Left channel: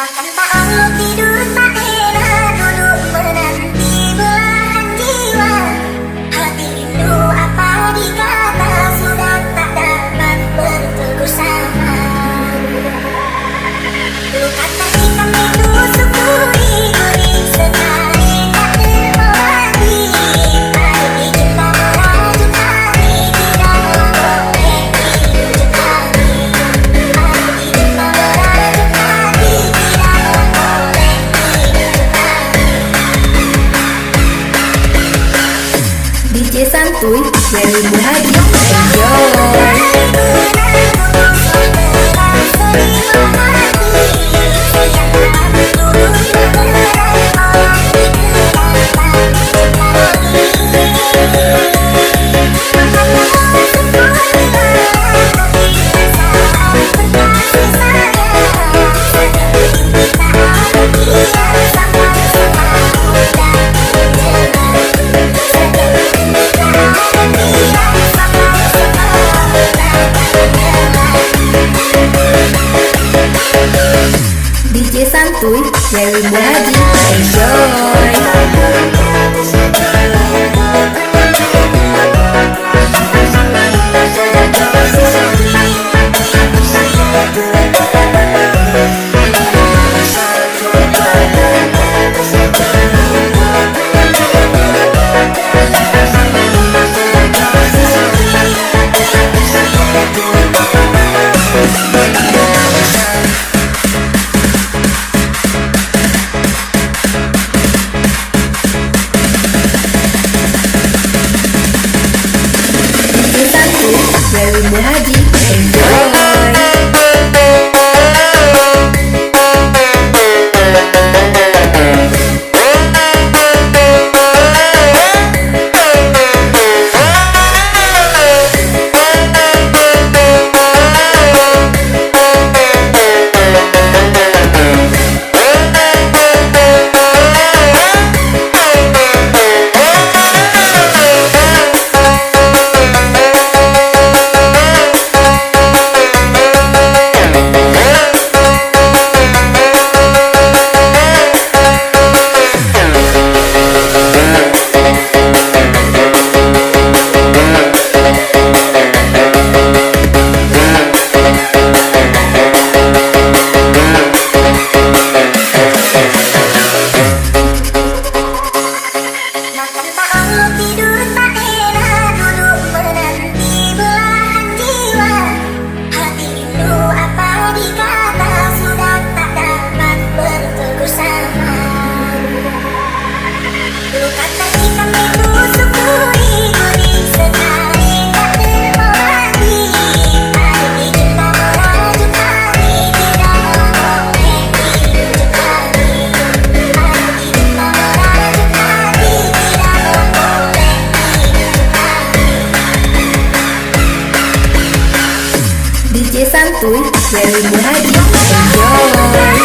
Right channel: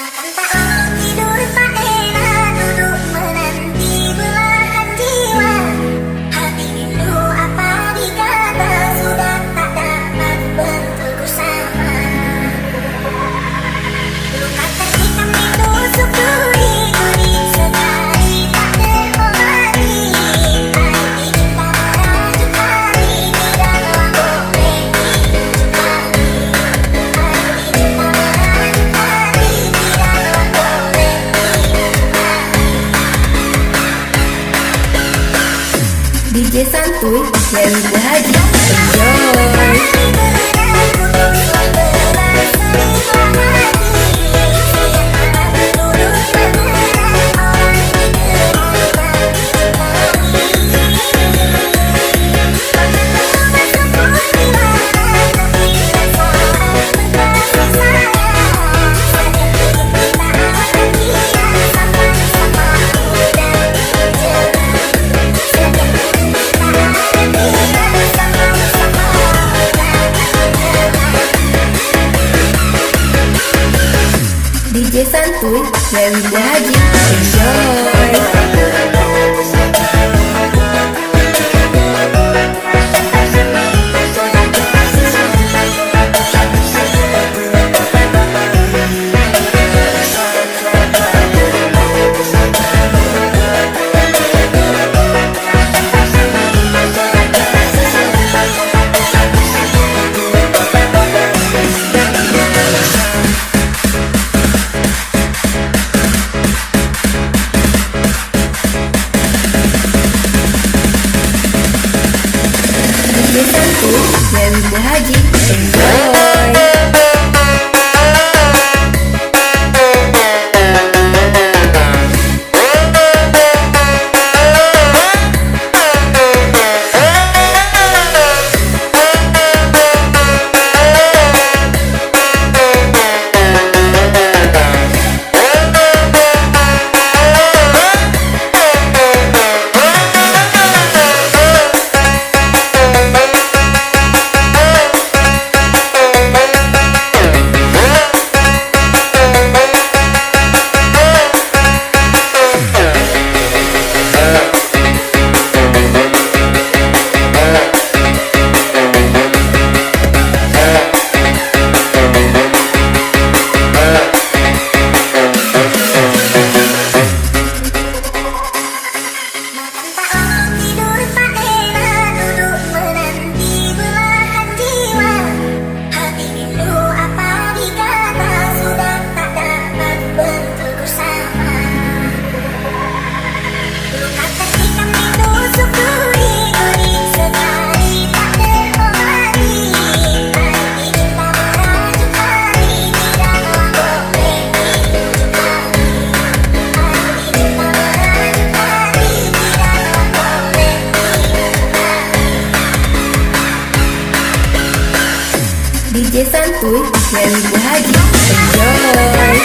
Makan tak lalu tidur tak enak, duduk menanti belahan jiwa. Hati rindu apa dikata, sudah tak dapat bertegur sama. Luka terhitam ditusuk duri-duri, sekali tak terobati. Arti cinta merajuk hati, tidaklah boleh dirujuk lagi. Arti cinta merajuk hati, tidaklah boleh dirujuk lagi. DJ Santuy dari Bu Haji, enjoy. DJ Santuy dari Bu Haji, enjoy. DJ Santuy dari Bu Haji, enjoy. Makan tak lalu tidur tak enak, duduk menanti belahan jiwa. Hati rindu apa dikata, sudah tak dapat bertegur sama. Luka terhitam ditusuk duri-duri, sekali tak terobati. Arti cinta merajuk hati, tidaklah boleh dirujuk lagi. Arti cinta merajuk hati, tidaklah boleh dirujuk lagi. DJ Santuy dari Bu Haji, enjoy.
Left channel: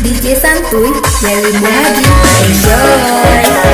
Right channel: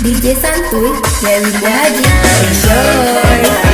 DJ Santuy dari Bu Haji, enjoy.